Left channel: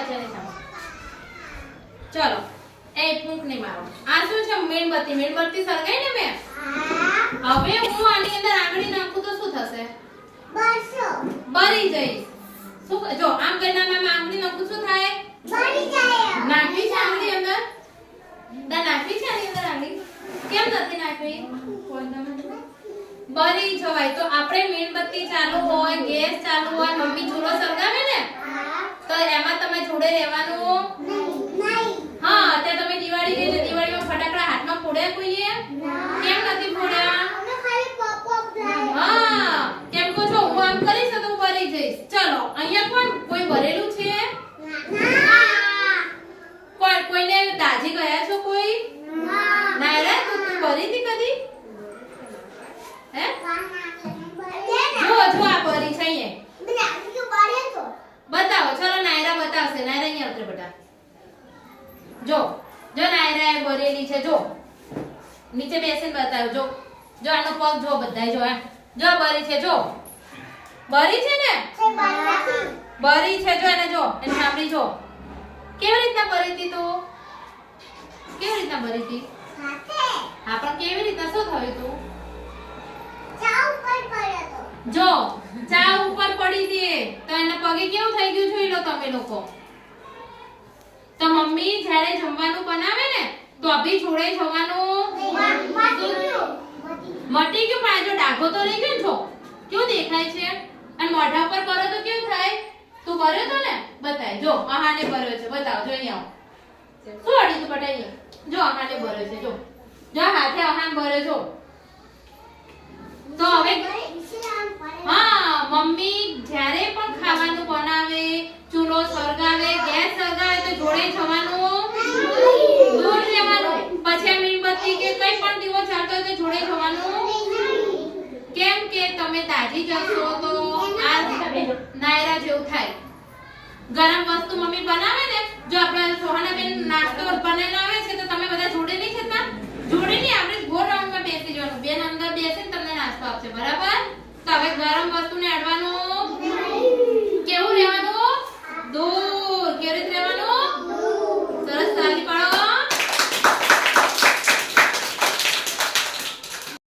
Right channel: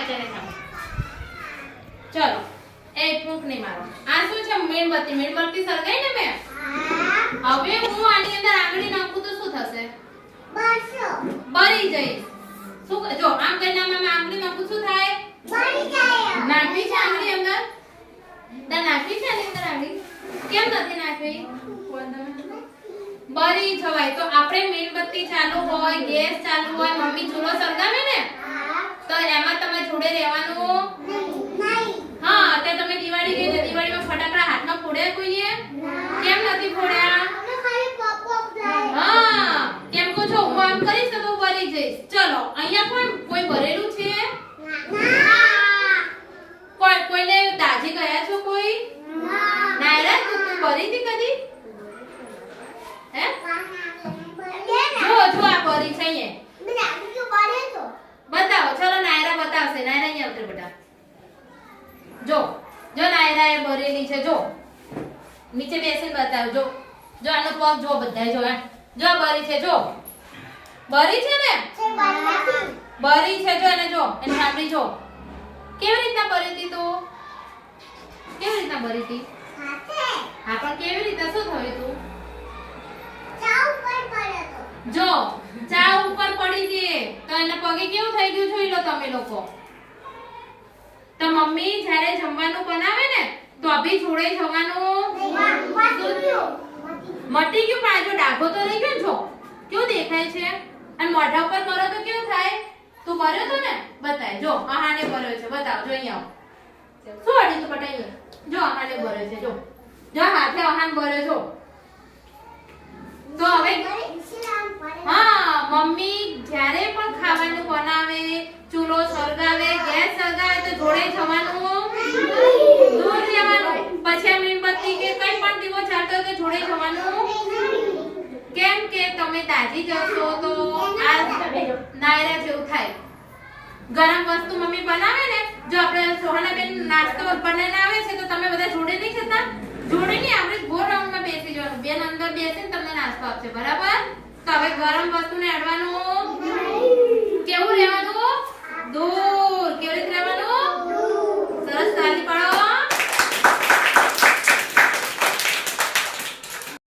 વચ્ચે ને ચલો એ ફૂંક નહીં મારો આ શું છે મીણબત્તી સળગાઈ ને મેં હવે હું આની અંદર આંગળી નાખું તો શું થશે બળી જઈશ શું જો આમ કરીને મેં આંગળી નાખું શું થાય બળી જાય નાખવી છે આંગળી અંદર નાખવી છે આની અંદર આંગળી કેમ નથી નાખવી બળી જવાય તો આપણે મીણબત્તી ચાલુ હોય ગેસ ચાલુ હોય મમ્મી ચૂલો સળગાવે ને તો એમાં તમે જોડે રહેવાનું નહીં હા તે તમે દિવાળી ગઈ તો દિવાળીમાં ફટાકડા હાથમાં ફોડ્યા કોઈએ કેમ નથી ફોડ્યા અમે ખાલી પોપ હા કેમ કહો છો હું આમ કરીશ તો બળી જઈશ ચલો અહીંયા કોણ કોઈ બરેલું છે કોઈને દાજી ગયા છો કોઈ ના રે તું બરી હતી કદી હે જો આ બરી છે અહીંયા બતાવો ચલો નાયરા બતાવશે નાયરા અહીંયા આવશે બેટા જો નાયરા એ બરેલી છે જો નીચે બેસીને બતાવજો જો આનો પગ જો બધાય જો જો બરી છે જો બરી છે ને બરી છે જો એને જો એને સાંભળી જો કેવી રીતના બરી હતી તું કેવી રીતના બરી હતી હા પણ કેવી રીતના શું થયું તું જો ચા ઉપર પડી હતી તો એના પગે કેવું થઈ ગયું જોઈ લો તમે લોકો તો મમ્મી જ્યારે જમવાનું બનાવે ને તો અભી છોડે જવાનું મટી ગયું પણ જો ડાઘો તો રહી ગયો જો કેવું દેખાય છે અને મોઢા ઉપર કરો તો કેવું થાય તું ભર્યો તો ને બતાય જો આહાને ભર્યો છે બતાવ જો અહીંયા શું અડી તું બટાઈ જો આહાને ભર્યો છે જો હાથે આહાને ભર્યો જો તો હવે હા મમ્મી જ્યારે પણ ખાવાનું બનાવે ચૂલો સળગાવે ગેસ સળગાવે તો જોડે જવાનું દૂર જવાનું પછી મીણબત્તી કે કઈ પણ દીવો ચાલતો હોય તો જોડે જવાનું કેમ કે તમે દાજી જશો તો આ નાયરા જેવું થાય ગરમ વસ્તુ મમ્મી બનાવે ને જો આપણે સોહાનાબેન નાસ્તો બનાવીને આવે છે તો તમે બધા જોડે નહીં ખાતા જોડે નહીં આપણે ગોળ રાઉન્ડમાં બેસી જવાનું બેન અંદર બેસીને તમને નાસ્તો આપશે બરાબર તો હવે ગરમ વસ્તુને અડવાનું